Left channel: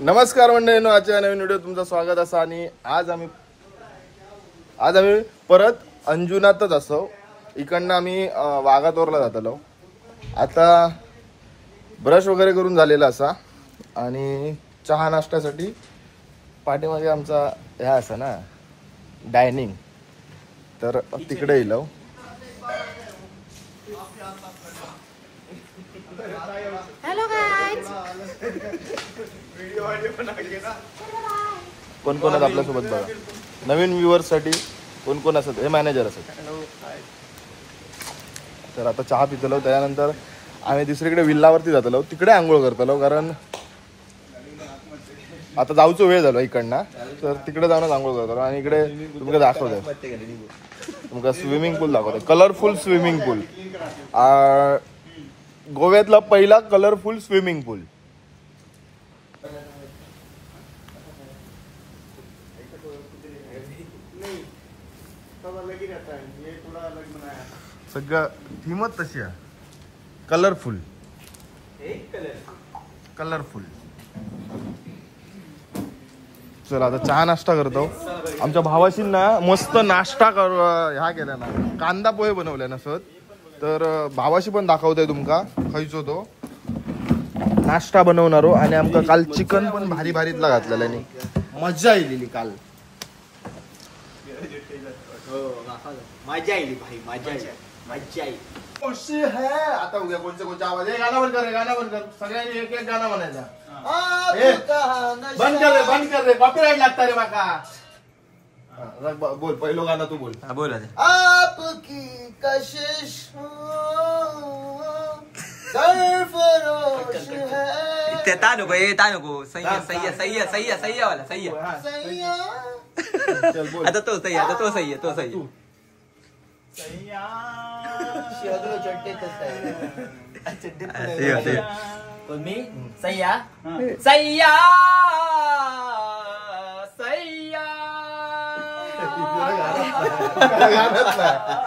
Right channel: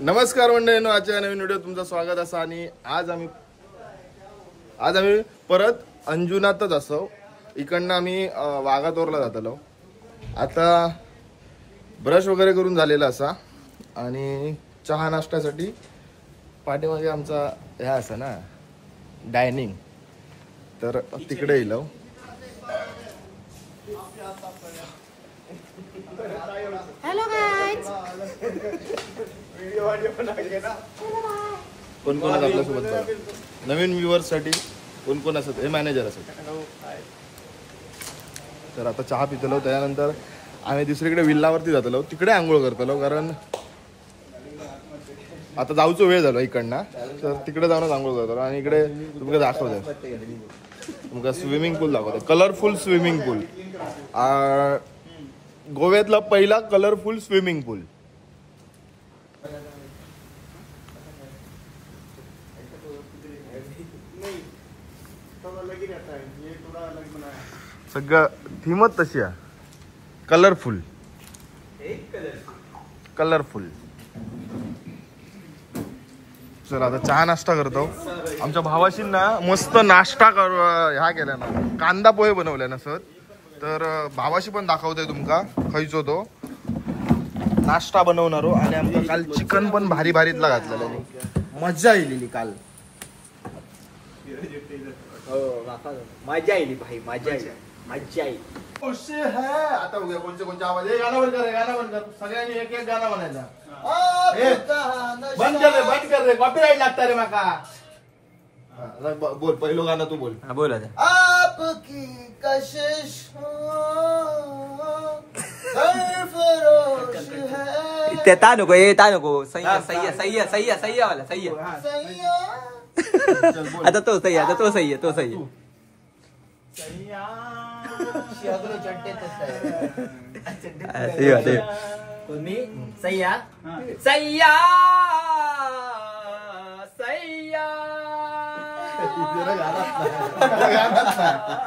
नमस्कार मंडळींनो, आजच्या नवीन व्हिडिओ तुमचं स्वागत असा. आणि आज आम्ही परत अंजुनातच असो. इकडनं आम्ही वाघातोरला जातलो. आता ब्रश वगैरे करून झालेला असा आणि चहा नाश्त्यासाठी पाठीमागे आमचा ह्या असा ना डायनिंग, तर तिकडे येलो. हॅलो गाईज, कोण कोण आपल्यासोबत बघा. नवीन व्ह्युअर्स साठी कोण कोण असत, हे मॅनेजर असत. तर आता चहा पितलो, त्यानंतर आम्ही दुसरीकडे विल्लावरती जातलो. तिकडे आंघोळ करतलो, कारण आता जाऊचो वेळ झालो इकडनं. तर तिकडे जाऊनच आंघोळ करतलो. आणि इकडे तुमका दाखवतोय, तुमका स्विमिंग पूल दाखवतोय. कलरफुल स्विमिंग पूल, गोव्यातला पहिला कलरफुल स्विमिंग पूल. सगळं थीमच तशी आहे, कलरफुल कलरफुल. चला आता चहा नाश्ता करतो. आमच्या भावाशी ना मस्त नाश्ता ह्या केल्या ना, कांदा पोहे बनवल्या ना सर. तर भावाशी पण दाखवतोय तुमका खायचो तो नाश्ता बनवणारो. आणि आमचं काल चिकन पण भारी भारीतला घातलेला आणि मजा येलेली काल. मजा येईल भाई, मजा येईल, मजा येईल. खुशी है. आता उद्या कोणते आवाज, हे गाणं बंद कर, गाणं बंद कर. सगळ्यांनी एक एक गाणं म्हणायचा. बंद कर रे, कॉपीराइट लागता रे माका. बोल पहिलं गाणं तू बोल. बोल. आपकी कशिश सरफरोश है. ते ता नको सह्या वाला सह्या. चल बोल. आता तो सह्या. मी सह्या सह्या सह्या.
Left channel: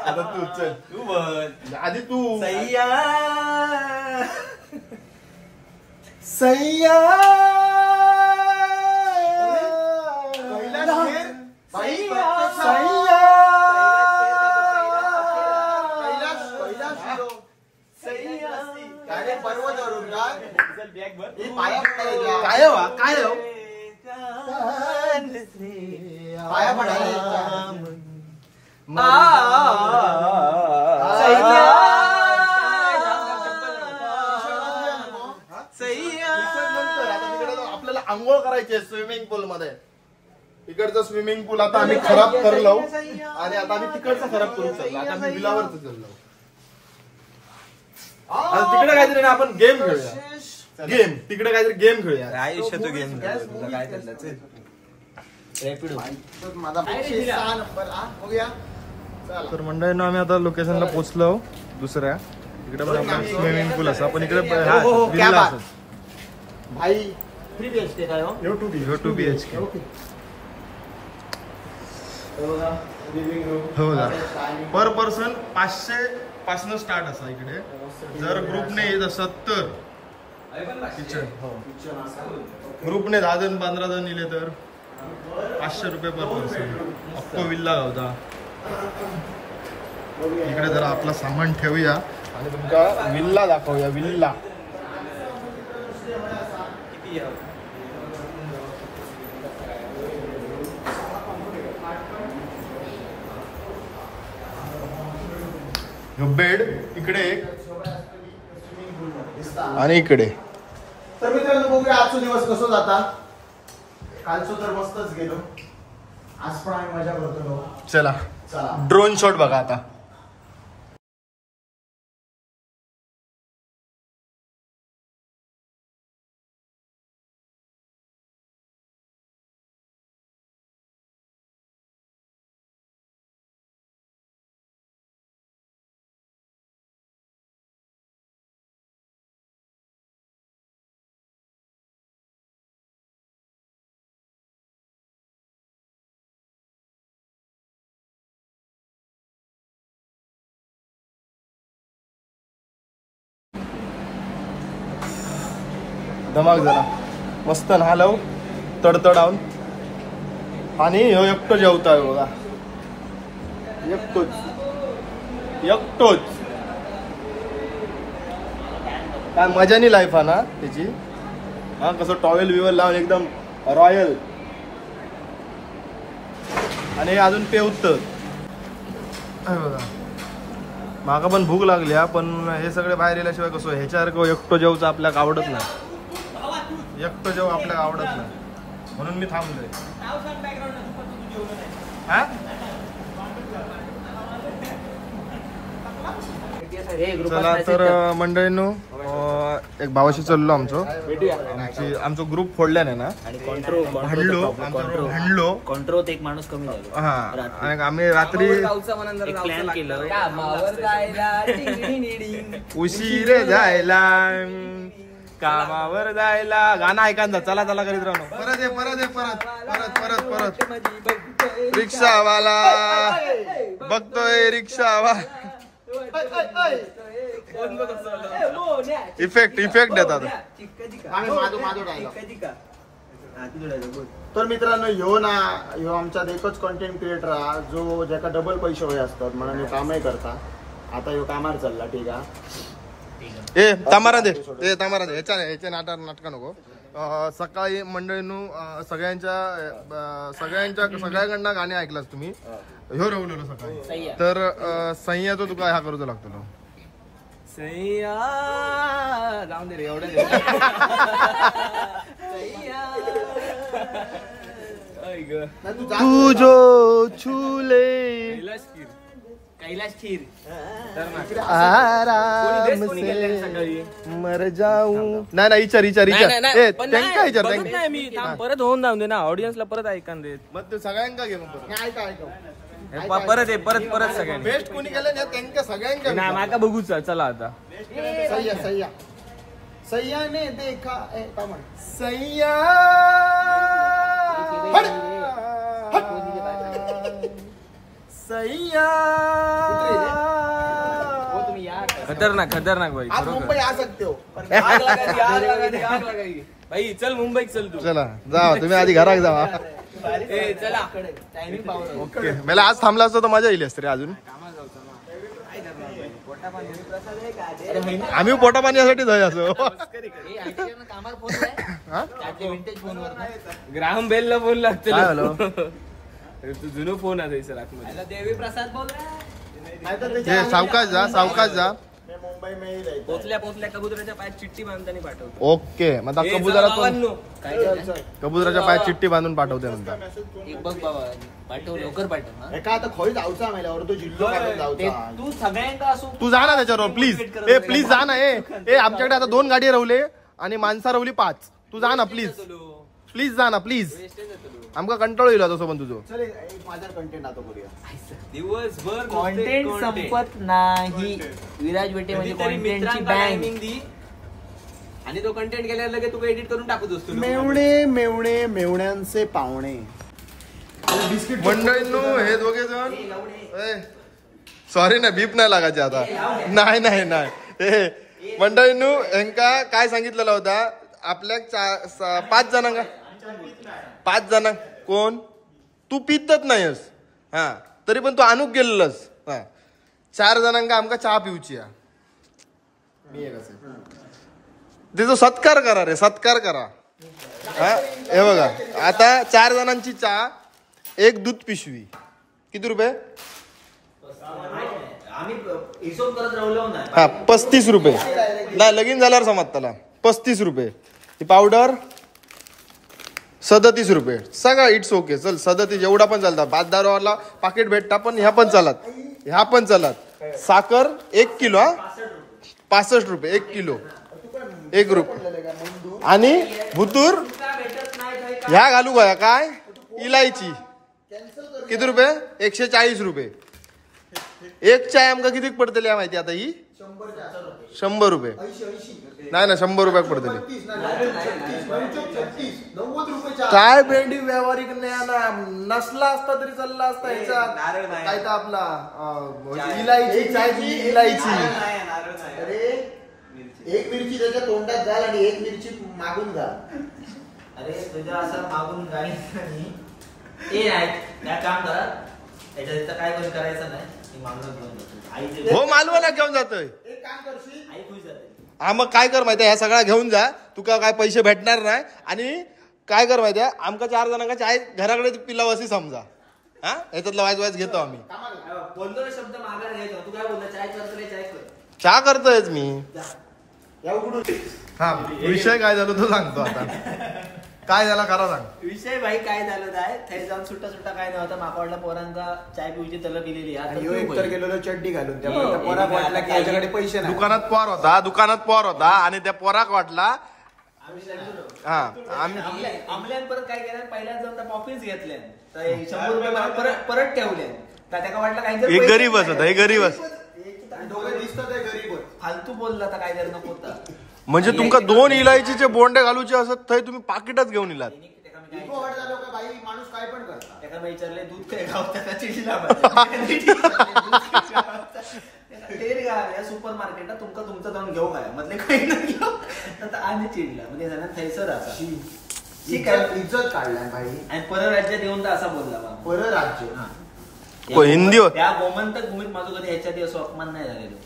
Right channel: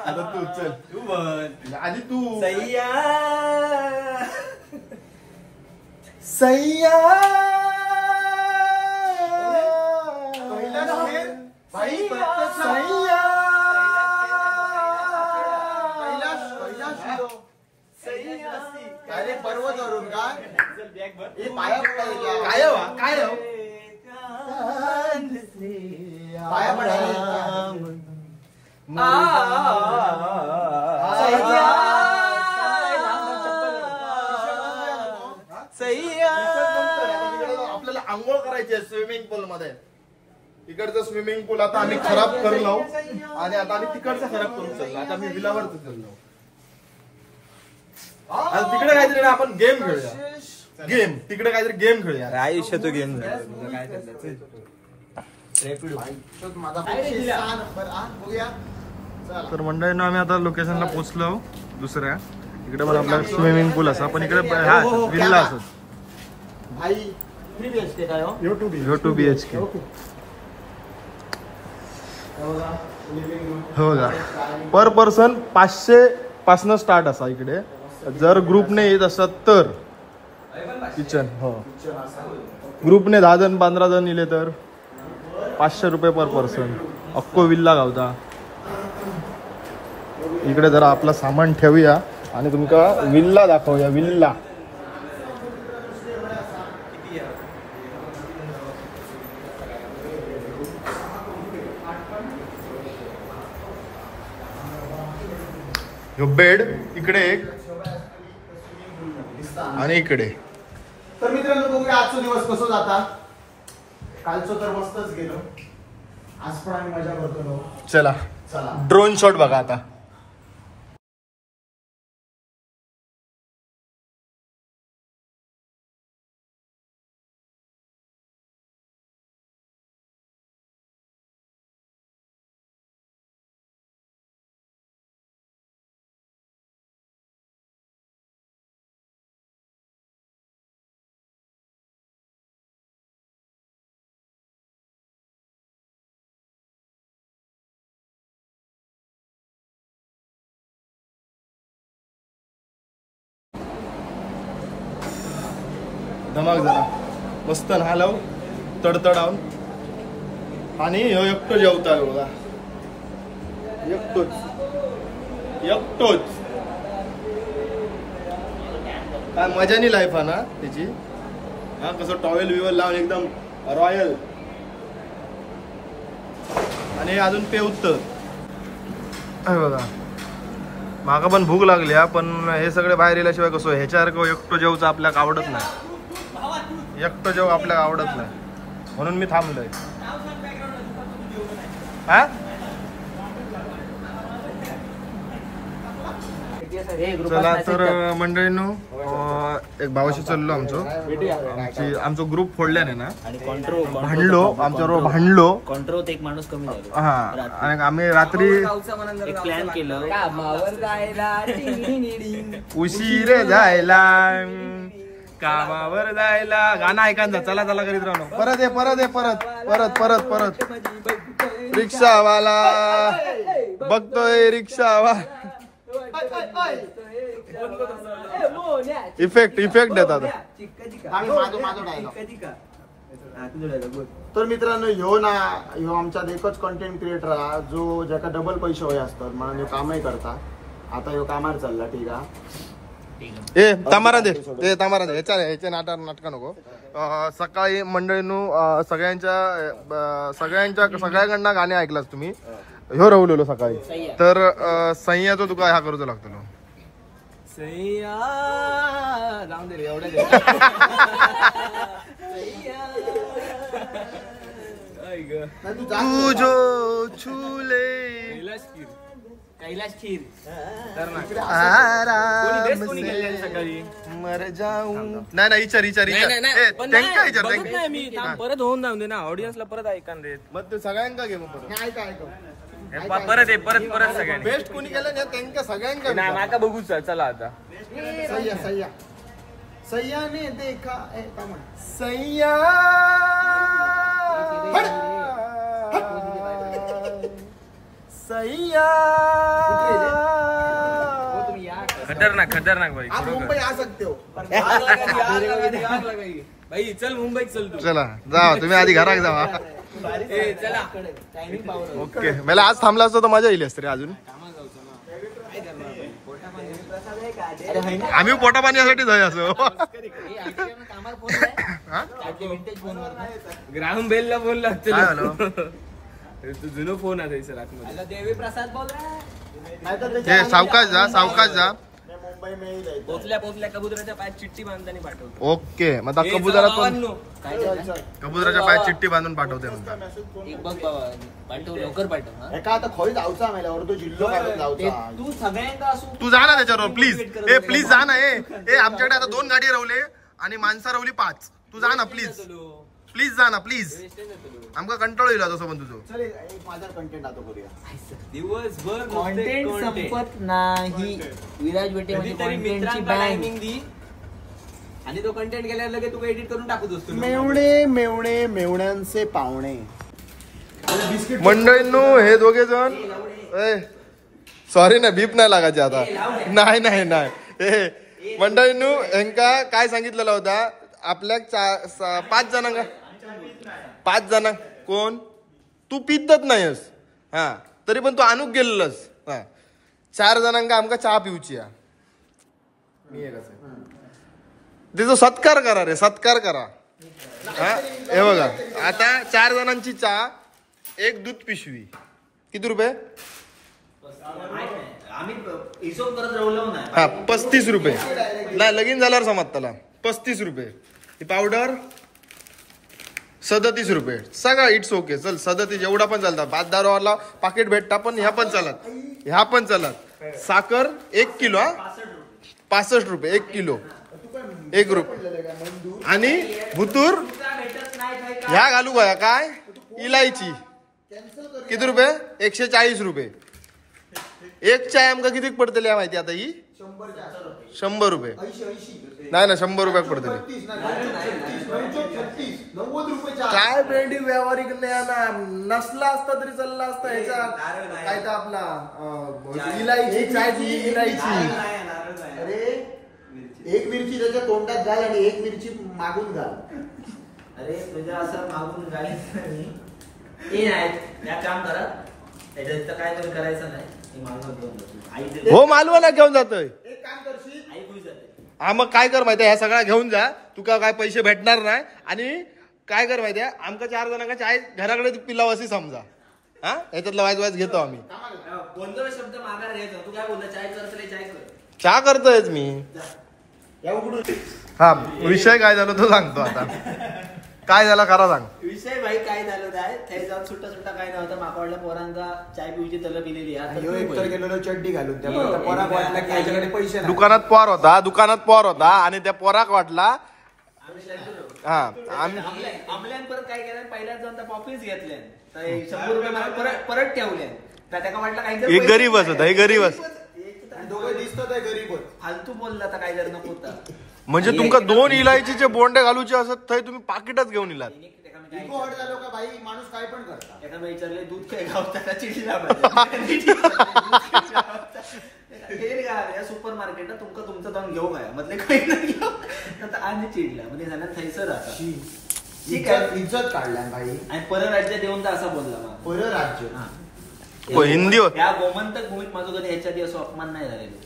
आता तू चल, तू बोल आधी तू. सह्या सैया पर्वतवरून का काय हो पाया पडायला. आपल्याला आंघोळ करायची आहे स्विमिंग पूल मध्ये. इकडचं स्विमिंग पूल आता आम्ही खराब करलो आणि आता आम्ही तिकडचा खराब करू शकलो. आता आम्ही विलावरच चाललो. आता तिकडे काहीतरी ना आपण गेम खेळूया. गेम तिकडे काहीतरी गेम खेळूया. आयुष्य तो गेम काय तर मंडळींना आम्ही आता लोकेशनला पोहोचलो दुसऱ्या. इकडे पण आपला स्विमिंग पूल असा, पण इकडे विल्ला असत. भाई 3 BHK काय हो? हो 2 BHK. हो का. पर पर्सन 500 पासन स्टार्ट असा इकडे. जर ग्रुपने येत असत तर किचन, हो ग्रुपने 10 जण 15 जण इले तर 500 रुपये पर पर्सन. अक्को विल्ला गावता. इकडे जरा आपला सामान ठेवूया आणि तुमचा विल्ला दाखवूया. विल्ला बेड इकडे एक आणि इकडे. तर मित्रांनो बघूया आजचा दिवस कसो जाता. कालचो तर मस्तच गेलो, आज पण आम्ही मजा करतो. चला चला ड्रोन शॉट बघा आता. धमाक जरा मस्त न्हालव तडतडावून आणि ह्यो एकटो जेवताय बघा एकटोच काय मजानी लाईफ हा ना त्याची हा कसं टॉवेल विवर लावून एकदम रॉयल आणि अजून पेवत बघा माका पण भूक लागली हा पण हे सगळे बाहेर गेल्याशिवाय कसं ह्याच्यासारखं एकटो जेवचं आपल्याला आवडत नाही एकटो जेव आपल्याला आवडत नाही म्हणून मी थांबलोय हा चला तर मंडळींनो एक भावाशी चाललो आमचो ग्रुप फोडल्याने ना भांडलो आमच्याबरोबर भांडलो कॉन्ट्रोत एक माणूस कमी झालो हा आणि आम्ही रात्री एक प्लॅन केलं उशीर जायला कामावर जायला गाणं ऐकायचं चला चला करीत राहणं परत रिक्षावाला बघतोय रिक्षावाला इफेक्ट देतात तर मित्रांनो ह्यो आमच्यात एकच कंटेंट क्रिएटर हा जो ज्याका डबल पैसे होय असतात म्हणून ह्यो कामही करता आता ह्यो कामार चालला ठीक आहे तामारा दे ह्याच्या नाटका नको सकाळी मंडळींनो सगळ्यांकडनं गाणे ऐकलास तुम्ही ह्यो रवलेलो सकाळी तर सह्याचो तुका ह्या करूचो लागतो जाऊन दे रे एवढ्या तू जो छूले कैलाश खीर आराम से मर जाऊ नाही विचार मी परत होऊन जाऊन दे ना ऑडियन्सला परत ऐकून दे मग ते सगळ्यांका घे मग परत सगळ्यांनी बेस्ट कोणी केलं ना त्यांना सगळ्यांका विचार बघू चला आता सह्याने देखा सह्या खतरनाक भाई आप मुंबई आ सकते हो भाई चल मुंबईत चल तू चला जा तुम्ही आधी घरात जावा ओके मला आज थांबला असतो तर मजा येईल असते रे अजून आम्ही पोटा पाण्यासाठी जाऊ असो ग्राहम बेलला फोन लागतो काय झालं तू जुनो फोन आहे सर देवी प्रसाद बोल हे सावकाश जा मुंबई में पोचल्या कबुतराच्या पायात चिठ्ठी बांधताना पाठवतो ओके मग कबुतराच्या पायात चिठ्ठी बांधून पाठवते म्हणतात एक बघ बाबा पाठव लवकर पाठव एका आता खोई जाऊचा मेल्यावर तो जिल्हो काढून जाऊचा तू सगळ्यांना असू तू जा ना त्याच्यावर प्लीज जा ना आमच्याकडे आता 2 गाडी रवले आणि माणसा रवली 5 तू जा ना प्लीज जा ना प्लीज आमका कंटाळो येईल तसं पण तुझं चल एक माझा कंटेंट आता करूया दिवसभर कंटेंट संपत नाही विराज बेटे म्हणजे कंटेंटची बँक आणि तो कंटेंट गेल्यावर लगेच तू एडिट करून टाकू दोस्त मेवण्यांचे पावणे मंडळींनो हे दोघे जण सॉरी ना बीप नाही लागायचे आता नाही मंडळींनो यांका काय सांगितलेला होता आपल्या 5 जण कोण तू पितच नाहीस हा तरी पण तू आणूक गेलेलंस हा 4 जणांका आमका चहा पिऊची तिचा सत्कार करा हा हे बघा आता 4 जणांची चहा 1 दूध पिशवी किती रुपये हा 35 रुपये नाही लगीन झाल्यावर समज त्याला 35 रुपये ही पावडर 37 रुपये सगळं इट्स ओके चल 37 एवढा पण चालतात 5-10 रुपयाला पाकिट भेटता पण ह्या पण चालत साखर 1 किलो 65 रुपये 1 किलो 1 रुपये आणि भुतूर ह्या घालू बघा काय इलायची किती रुपये 140 रुपये एक चाय आमका किती पडतली माहिती आता ही 100 रुपये नाही 100 रुपयाक पडतली काय भेंडी व्यावहारिक नसला असता तरी चालला असता ह्याच्यात काय तर आपला इलायची चाय इलायची अरे एक मिरची त्याच्या तोंडात घाल आणि एक मिरची मागून घाल अरे तुझ्या असं मागून गाडी ते नाही त्या काम करा त्याच्या इथं काय कोणी करायचं नाही मी मागून घेऊन जातो आई हो मालवाला घेऊन जातोय. एक काम करशील, आई खुश जाते. हा मग काय कर माहितीये, ह्या सगळ्या घेऊन जा, तुका काय पैसे भेटणार नाही. आणि काय कर माहितीये, आमका 4 जणांका चाय घराकडे पिलाव अशी समजा. हा याच्यातला वाईज घेतो आम्ही. कोणता शब्द मागायला घ्यायचा तू काय बोलला चाय करतो काय चाय कर चहा करतोयच मी. या उघडून हा विषय काय झाला तो सांगतो आता. काय झाला खरा सांग. विषय भाई काय झालं काय थंय जाऊन सुट्टा सुट्टा काय नव्हता माका वाटला पोरांका चाय पिऊची तलब दिलेली आणि ह्यो एकतर गेलेलो चड्डी घालून, त्यामुळे त्या पोराक वाटला की याच्याकडे पैसे नाही. दुकानात पोर होता आणि त्या पोराक वाटला. हा आमल्यान परत काय केलं पहिल्याच जाऊन त्या पॉफिन्स घेतल्या तर 100 रुपये मला परत ठेवले त्याच्या वाटलं काही एक गरीब असत हे गरीब असत. दोघं दिसतात आहे गरीबच. फालतू बोलला तर काय करणं होता. म्हणजे तुमका 2 इलायचीचे बोंडे घालूचे असत थंय तुम्ही पाकिटच घेऊन इलात. इको हट झालो का भाई, माणूस काय पण करता. एका मी विचारले दूध काय गावता का चिडला सुपर मार्केटला तुमका तुमचं जाऊन घेऊ काय म्हटले काही नाही घेऊ तर आणि चिडला म्हणजे झाला थैसर असा इज्जत काढलाय भाई. आणि परराज्यात येऊन तर असा बोलला मग परराज्य हिंदी त्या गोमंतक भूमीत माझं कधी ह्याच्या दिवस अपमान नाही झालेलो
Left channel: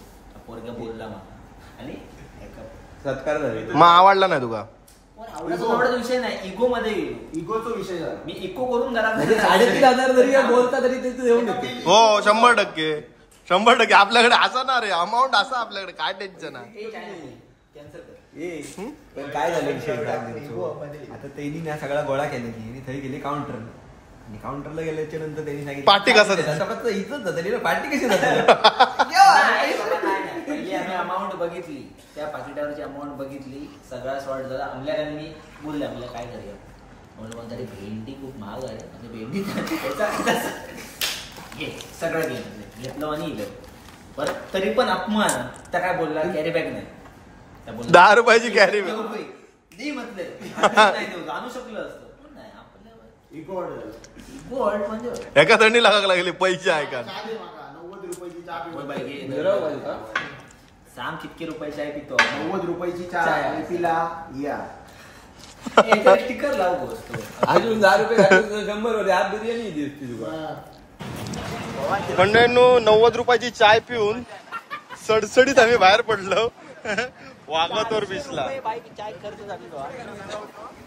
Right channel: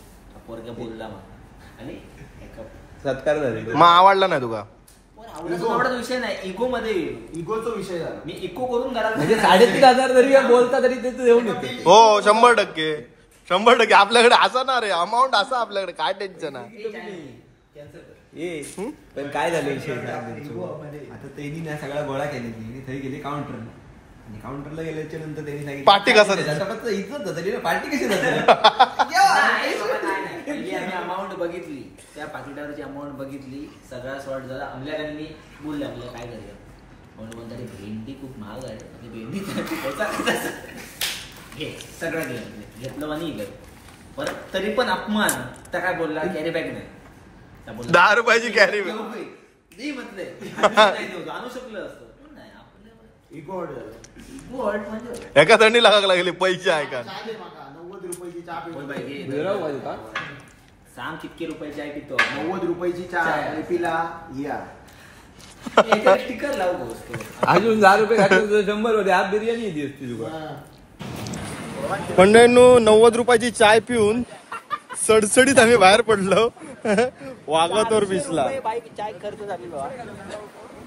पोरग्या बोलला मला आणि सत्कार झाले. मग आवडला नाही तुका. आवडता विषय नाही इगो मध्ये इगोचा विषय झाला. मी इको करून घरात 3,500 जरी बोलता तरी ते देऊन हो 100% आपल्याकडे असा ना रे अमाऊंट असा आपल्याकडे काय टेन्शन आहे. पण काय झालं विषय आता त्यांनी ना सगळा गोळा केली थंय गेली काउंटर आणि काउंटरला गेल्याच्या नंतर त्यांनी सांगितलं पार्टी कसं इज्जत जातली ना पार्टी कशी जाते. पहिली आम्ही अमाऊंट बघितली त्या पाकिटावरची अमाऊंट बघितली सगळा शॉर्ट झाला आमल्याकडे मी बोलले आपल्या काय करूया म्हणून म्हणतात अरे भेंडी खूप महाग आहे आणि भेंडी घे सगळं घेतलं आणि इलं परत तरी पण अपमान त्या काय बोलला कॅरी बॅग नाही त्या बोलला 10 रुपयाची कॅरी बॅग नाही म्हटलंय आणू शकलं असतं पण नाही आपल्याला इको हट झालं. इको हट म्हणजे एका थंडी लागायला लागली पैसे आहे का. 90 रुपयाची चहा पिऊ. सांग कितके रुपयाची आहे पितो 90 रुपयाची चहा पिला या स्टिकर लावू बसतो अजून 10 रुपये घातले 100 होते आज बिर्याणी दिसते तुला. मंडळींनो 90 रुपयाची चाय पिऊन सडसडीत आम्ही बाहेर पडलो वाघातोर बीचला.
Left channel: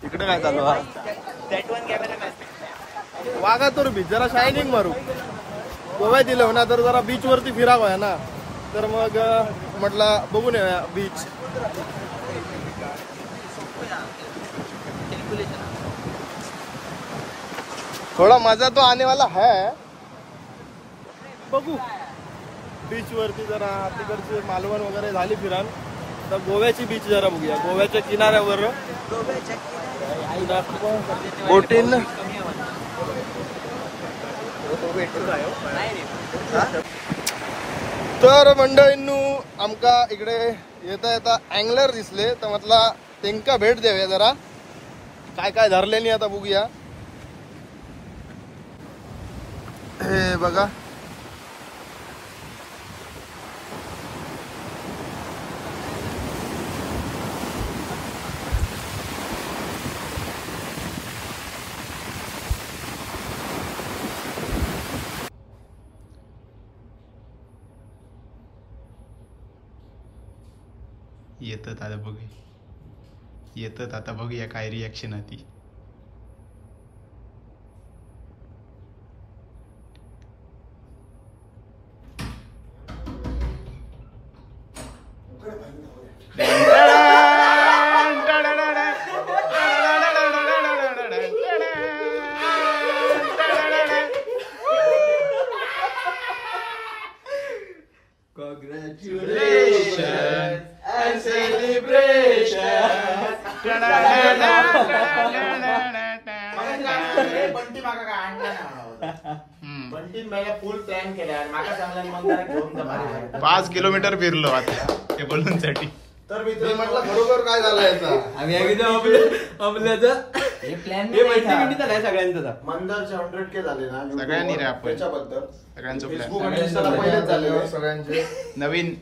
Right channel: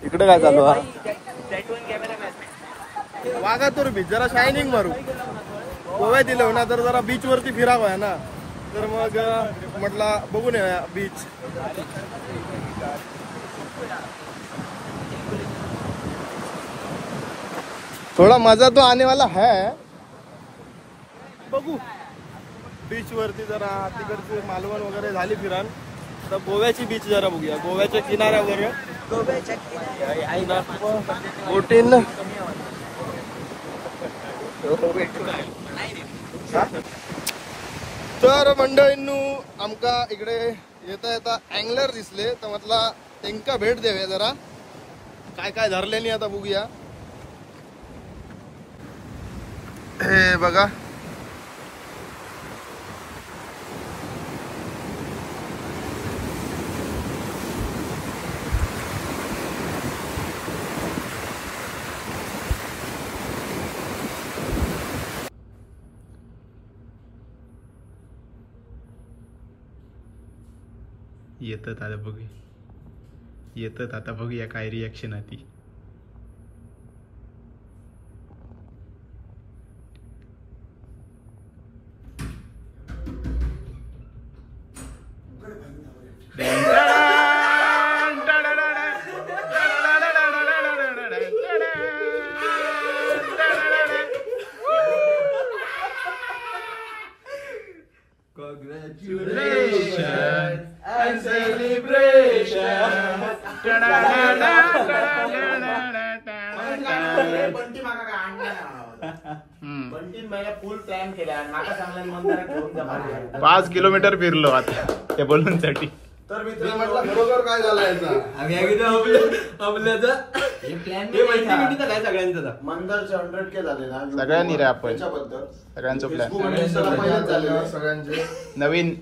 इकडे काय चालू हा वाघातोर बीच जरा शायनिंग मारू गोव्यात दिलं ना तर जरा बीच वरती फिरावं ना तर मग म्हटलं बघून येऊया बीच. थोडा मजा तो आने वाला है बघू बीच वरती जरा तिकडची मालवण वगैरे झाली फिरान तर गोव्याची बीच जरा बघूया गोव्याच्या किनाऱ्यावर बोटीन. तर मंडळींनो आमका इकडे येता येता अँगलर दिसले तर म्हटला त्यांका भेट देऊया जरा काय काय धरलेनी आता बघूया. हे बघा येतात आता बघूया काय रिॲक्शन आहे ती. फुल प्लॅन केला 5 किलोमीटर फिरलो आता त्या बलूनसाठी. तर मित्र म्हटलं बरोबर काय झालं याचा मंदरचे 100K झाले ना सगळ्यांनी रे आपण त्याच्याबद्दल सगळ्यांचं प्लॅन झाले सगळ्यांचे नवीन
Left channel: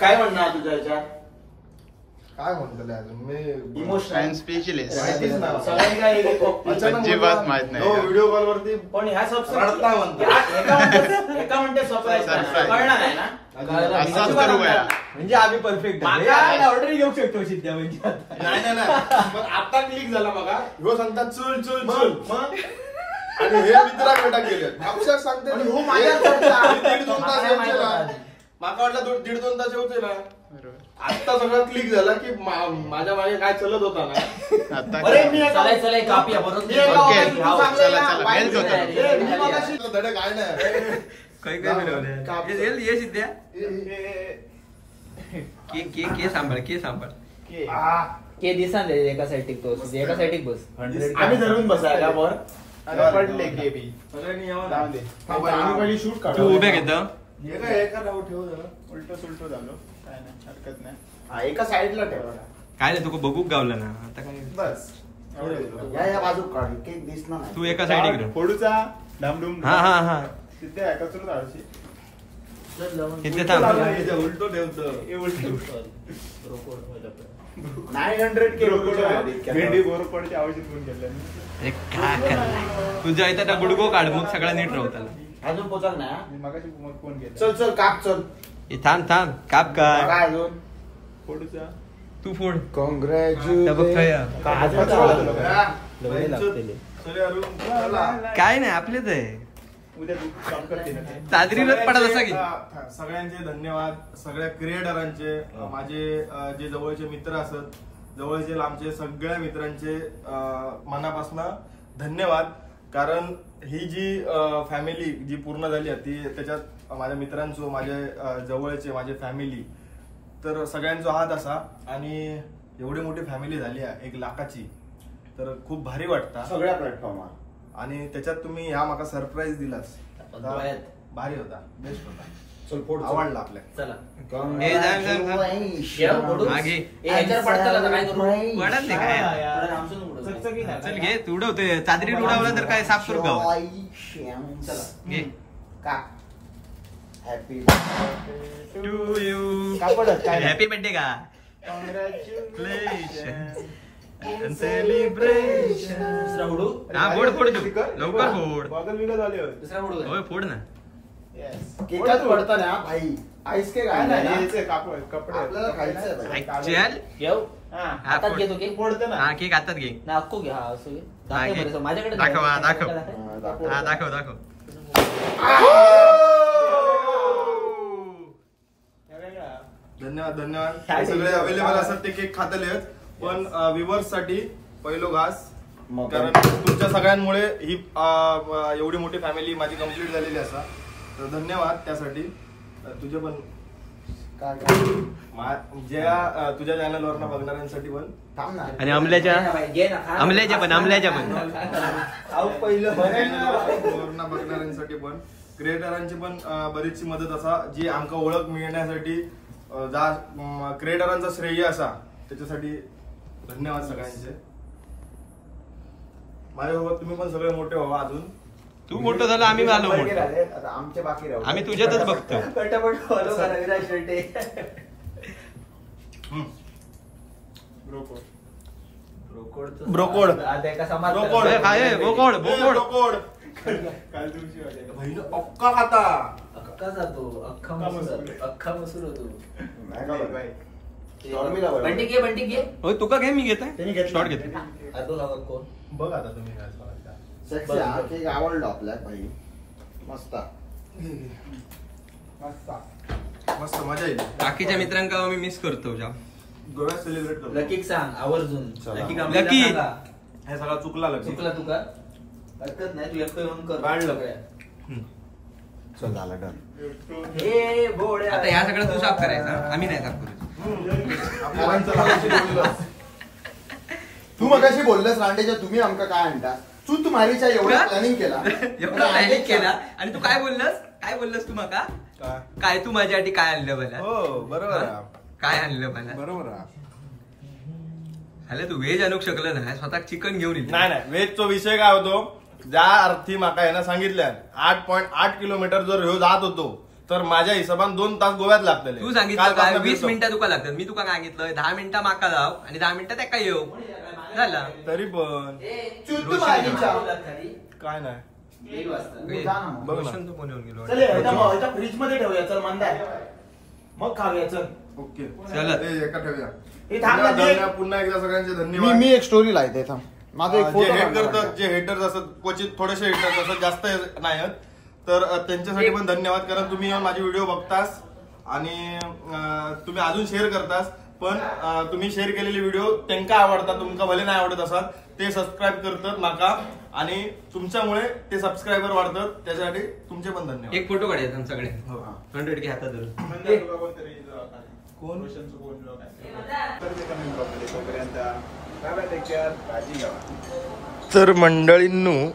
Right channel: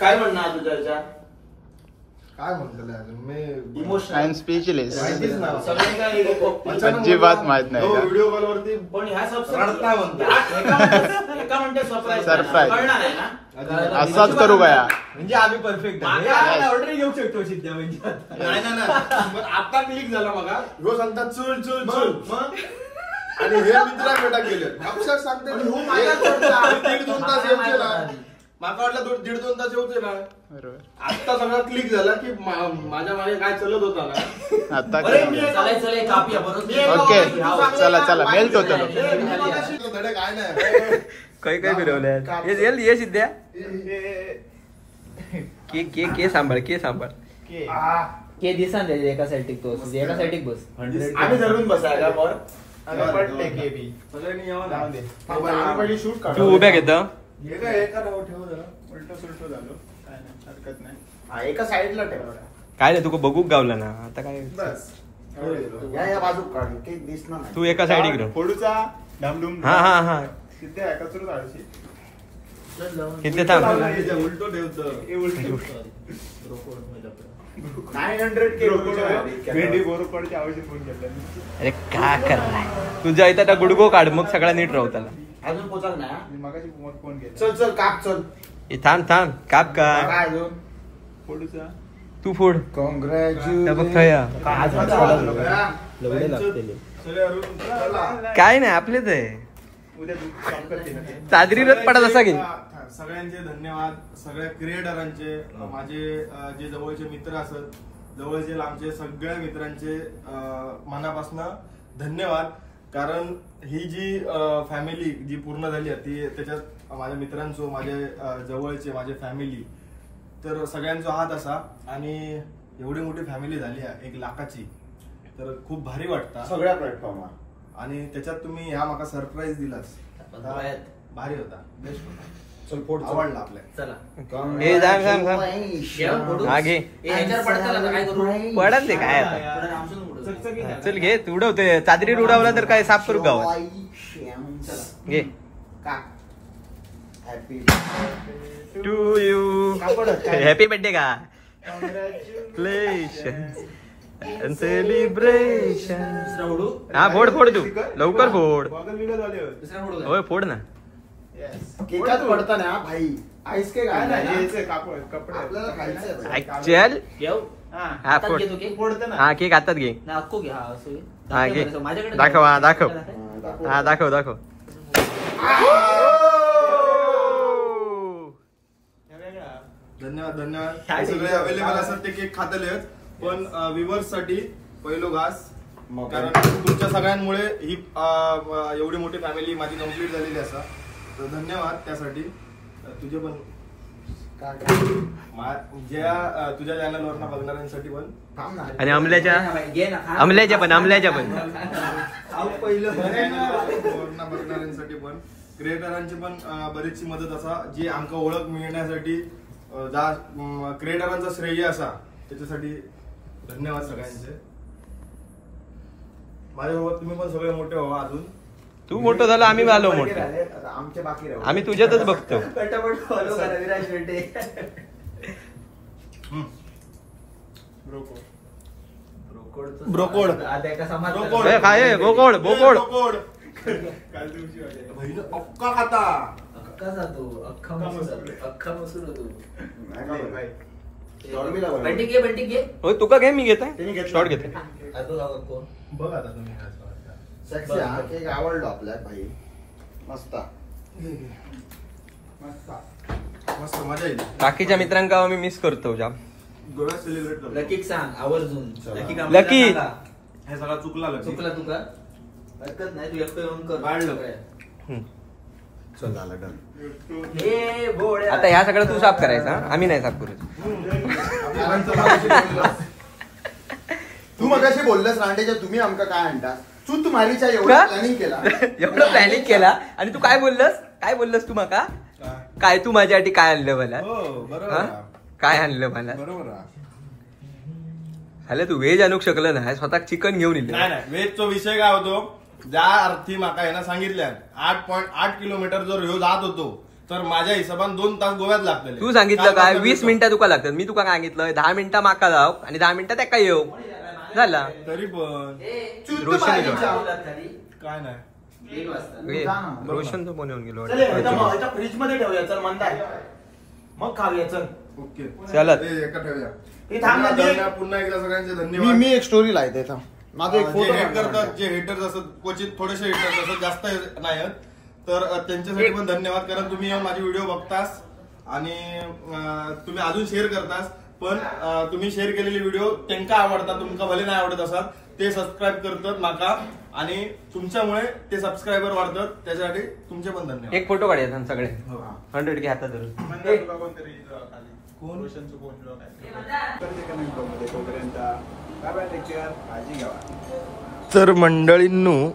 काय म्हणणं तुझ्या याच्यात काय म्हणतो अजून मी आणि स्पेशलिस्ट माहितीच ना अजिबात माहित नाही का? व्हिडिओ कॉल वरती पण ह्या रडता म्हणतो. एका म्हणते सरप्राईज Surprise. कळणार आहे ना असाच करू का या? म्हणजे आम्ही परफेक्ट ऑर्डर घेऊ शकतो सिद्ध्या म्हणजे नाही नाही नाही मग आता क्लिक झाला बघा ह्यो सांगतात चल चल चल मग आणि हे मित्राकडे गेले अक्षर सांगते आणि ह्यो माझ्या चलता. 1-2 तास येऊचे ना माका वाटलं 1.5-2 तास येऊचे ना बरोबर आता सगळं क्लिक झाला की माझ्या मागे काय चलत होता ना आता अरे मी चला चला कापूया बरोबर ओके चला चला मेल होतो धडे काय नाही काही काही फिरवल्या ये सिद्ध्या के सांभाळ के सांभाळ के दिसा एका साईड तो एका साईड बस आम्ही धरून बसायला पण पडले के बी सगळ्यांनी यावं लावून दे आम्ही पहिली शूट तू उभ्या घेत हे काय एका राव ठेव झालं उलट सुलट झालं काय नाही हरकत नाही एका साईडला ठेवा काय रे तुका बघूक गावला ना आता काय बस या बाजू काढ केक दिसणार नाही. तू एका साईड घेऊ फोडूचा धामधूम हा हा हा तिथे आहे कचरू धाडशी चल जाऊन. इथे थांब उलटो ठेवतो 900 के भेंडी बोरकडची औषध पण केलं अरे का करलाय तुझ्या इथं आता गुडगो काढ मग सगळा नीट राहू त्याला अजून पोचाल ना मी मगाशी फोन केला चल चल काप चल हे थांब थांब काप काय काय अजून फोडूचा तू फोड त्या बघ खया. काय नाही आपलेच आहे उद्या शॉर्ट करते चादरीलाच पडत असा की सगळ्यांचे धन्यवाद सगळ्या क्रिएटरांचे माझे जे जवळचे मित्र असत जवळचे लांबचे सगळ्या मित्रांचे मनापासून धन्यवाद कारण ही जी फॅमिली जी पूर्ण झाली आहे ती त्याच्यात माझ्या मित्रांचो माझे जवळचे माझे फॅमिली तर सगळ्यांचा हात असा आणि एवढी मोठी फॅमिली झाली आहे 1 लाखाची तर खूप भारी वाटतं सगळ्या प्लॅटफॉर्मवर आणि त्याच्यात तुम्ही ह्या माका सरप्राईज दिलास भारी होता बेस्ट होता चल फोड आवडला आपल्या चला हे जा थांब थांब हा घे ह्याच्यावर पडताल आता काय करू पडत नाही काय आता. पुढे रामसून उडव. चल घे तू उडवते चादरीत उडवला तर काय साफ करू गावात चला घे happy to you happy birthday का सेलिब्रेशन दुसरा उडू हा फोड फोड तू लवकर फोड गॉगल बिगल झाले होते. दुसरा उडू होय फोड ना केकात पडताना भाई आईस केक काय आहे नाही ना याचे कपडे आपल्याला खायचं आहे. चल घेऊ हा हातात फोड घेतो की फोडतं ना हा केक हातात घे नाही अक्को घे हा असं घे. हा, घे. माझ्याकडे दाखव, हा, दाखव. दाखव. हा दाखव दाखव धन्यवाद धन्यवाद हे सगळे अवेलेबल असतात ते केक खातले पण व्ह्युअर्स साठी पहिलो घास मग कारण तुमच्या सगळ्यांमुळे ही एवढी मोठी फॅमिली माझी कम्प्लीट झालेली असा तर धन्यवाद त्यासाठी तुझे पण काय ज्या तुझ्या चॅनलवर बघणाऱ्यांसाठी पण थांब ना. आणि अमल्याच्या घे ना खा. अमल्याच्या पण वरनं बघणाऱ्यांसाठी पण क्रिएटरांची पण बरीचशी मदत असा जी आमका ओळख मिळण्यासाठी क्रिएटरांचा श्रेय असा त्याच्यासाठी धन्यवाद सगळ्यांचे माझ्यासोबत तुम्ही पण सगळे मोठे व्हावा अजून तू मोठं झालं आम्ही आलो मोठं आता आमचे बाकी राहू. आम्ही तुझ्यातच बघतो पटापट follow करा विराज शेट्टी. ब्रोकोड. आता एका समाज ब्रोकोड. ए, काय बोकोड बोकोड काल दिवशी वाटे. बहिण अक्का खाता अख्खा जातो अख्खा मसूर अख्खा मसूर होतो नाही, नाही. शॉर्मीला बघा. बंटी घे बंटी घे होय तुका घे मी घेत त्यांनी घेतला. शॉर्ट घेते अर्धो लावा कोण बघ आता तुम्ही Sexy हा केक आवडला आपल्या भाई मस्त मस्त मजा येईल बाकीच्या मित्रांका मी मिस करतो जाम गोव्यात सेलिब्रेट करतो लकीक सांग आवर्जून चला. लकीक आम्हाला लकी. सांगा. हे सगळं चुकला लकी चुकला तुका हरकत नाही तू एकटं येऊन कर वाढलं. सगळ्या. चल झालं डन. हे बोड्या. आता ह्या सगळं तू साफ करायचा हा? आम्ही नाही साफ करू तू मगाशी बोललास रांडेच्या तुम्ही आमका काय आणता तू मारीच्या एवढं का? प्लॅनिंग केला एवढं प्लॅनिंग केला आणि तू काय बोललंस तू माका काय तू माझ्यासाठी काय आणलं मला हो बरोबर हा? आहे. काय आणलं मला बरोबर आहे. अरे तू व्हेज आणू शकलं ना स्वतः चिकन घेऊन येईल नाही नाही वेजचा विषय काय होतो ज्या अर्थी माका यानं सांगितल्या 8.8 किलोमीटर जर ह्यो जात होतो तर माझ्या हिशोबाने 2 तास गोव्यात लागतले. तू सांगितलं काय 20 मिनिटं तुका लागतात. मी तुका काय सांगितलं 10 मिनिटं माका जाऊ आणि 10 मिनिटं त्या येऊ झाला. तरी पण रोशन काय नाही. रोशनचं फोन येऊन गेलो फ्रीज मध्ये ठेवूया चल मंदाय मग खाऊया चल. ओके चला एका ठेवूया. हे थांब ना, धन्यवाद पुन्हा एकदा सगळ्यांचे धन्यवाद. मी एक स्टोरी लावते थांब. माझं एक जे photo हेट काढ. करतात, जे हेटर्स असतात क्वचित थोडेसे हेटर्स असतात, जास्त नाही आहेत. तर त्यांच्यासाठी पण धन्यवाद. कारण तुम्ही माझे व्हिडिओ बघतास आणि तुम्ही अजून शेअर करतास. पण तुम्ही शेअर केलेले व्हिडिओ त्यांना आवडतात, तुमका भले नाही आवडत असतात ते सबस्क्राईब करतात माका आणि तुमच्यामुळे ते सबस्क्रायबर वाढतात. त्याच्यासाठी तुमचे पण धन्यवाद. एक फोटो काढायचा सगळे हो. 100 घे हातात धरून. कोण तर मंडळींनो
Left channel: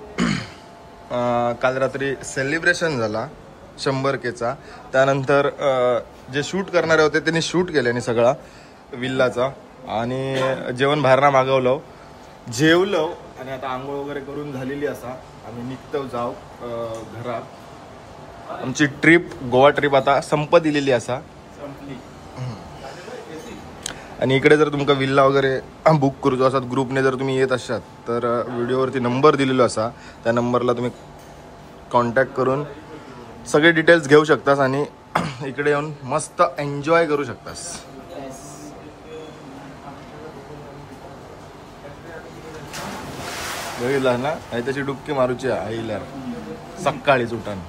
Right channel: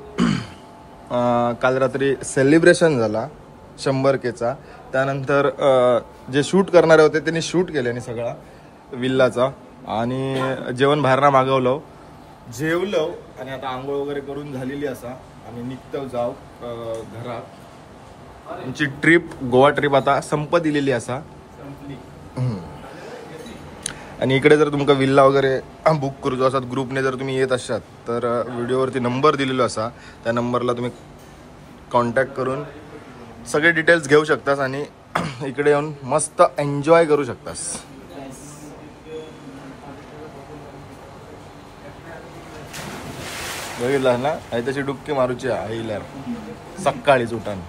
काल रात्री सेलिब्रेशन झाला 100Kचा. त्यानंतर जे शूट करणारे होते त्यांनी शूट केले आणि सगळा विल्लाचा आणि जेवण बाहेरना मागवलं, जेवलो आणि आता आंघोळ वगैरे करून झालेली असा आम्ही निघतो जाऊ घरात. आमची ट्रिप गोवा ट्रिप आता संपत दिलेली असा. आणि इकडे जर तुमका विल्ला वगैरे बुक करूचो असतात ग्रुपने जर तुम्ही येत असाल तर व्हिडिओवरती नंबर दिलेलो असा, त्या नंबरला तुम्ही कॉन्टॅक्ट करून सगळे डिटेल्स घेऊ शकतास आणि इकडे येऊन मस्त एन्जॉय करू शकतास. बघितलं ना त्याची डुबकी मारूची आईला सकाळीच उठान.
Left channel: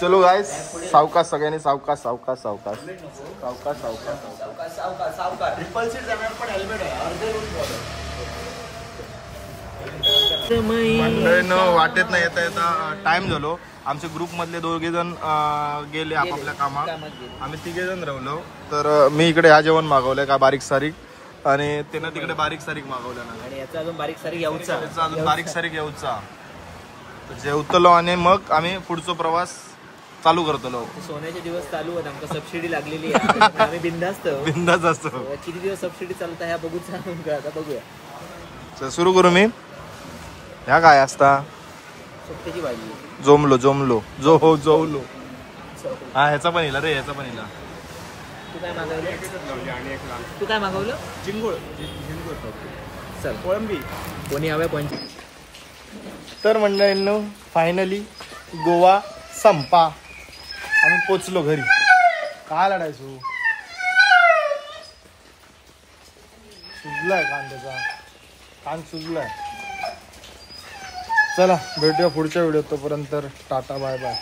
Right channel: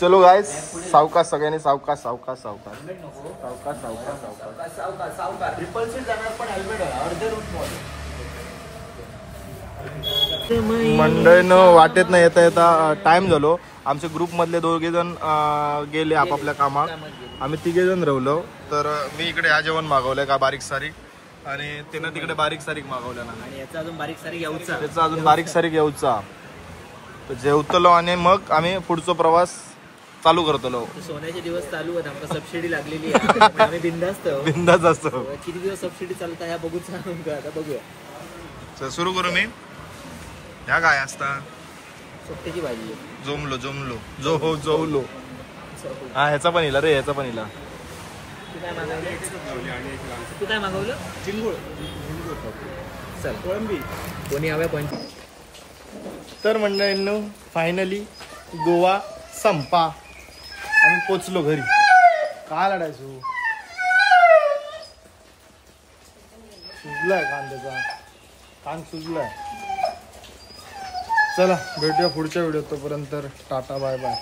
चलो गाइस सावकाश सगळ्यांनी सावकाश सावकाश सावकाश सावकाश सावकाश सावकाश. ट्रिपल सीट जाणार पण हेल्मेट मंडळीनं वाटेत नाही येता येता टाइम झालो. आमच्या ग्रुप मधले 2 जण गेले आपापल्या कामात, आम्ही 3 जण राहिलो. तर मी इकडे ह्या जेवण मागवलंय का बारीक सारीक आणि त्यानं तिकडे बारीक सारीक मागवल्या ना. आणि याचा अजून बारीक सारीक यायचा. त्याचा अजून बारीक सारीक येऊचा. तर जेवतलो आणि मग आम्ही पुढचा प्रवास चालू करतलो. सोन्याचे दिवस चालू आहेत, आमका सबसिडी लागलेली आहे. आम्ही बिंदास्त बिंदाच असतो. किती दिवस सबसिडी चालत ह्या बघूच आता बघूया. तर सुरू करू मी. ह्या काय असता सुट्ट्याची भाजी जोमलो जोमलो जोवलो. हा ह्याचा पण इला रे, ह्याचा पण इला. तू काय मागवलं? चिंगूळ चल कोळंबी कोणी हवे पण. तर मंडळींनो फायनली गोवा संपा, आम्ही पोचलो घरी. काय लढायचो सुजलाय कांद्याचा, कान सुजलाय. चला भेटूया पुढच्या व्हिडिओत. तोपर्यंत टाटा बाय बाय.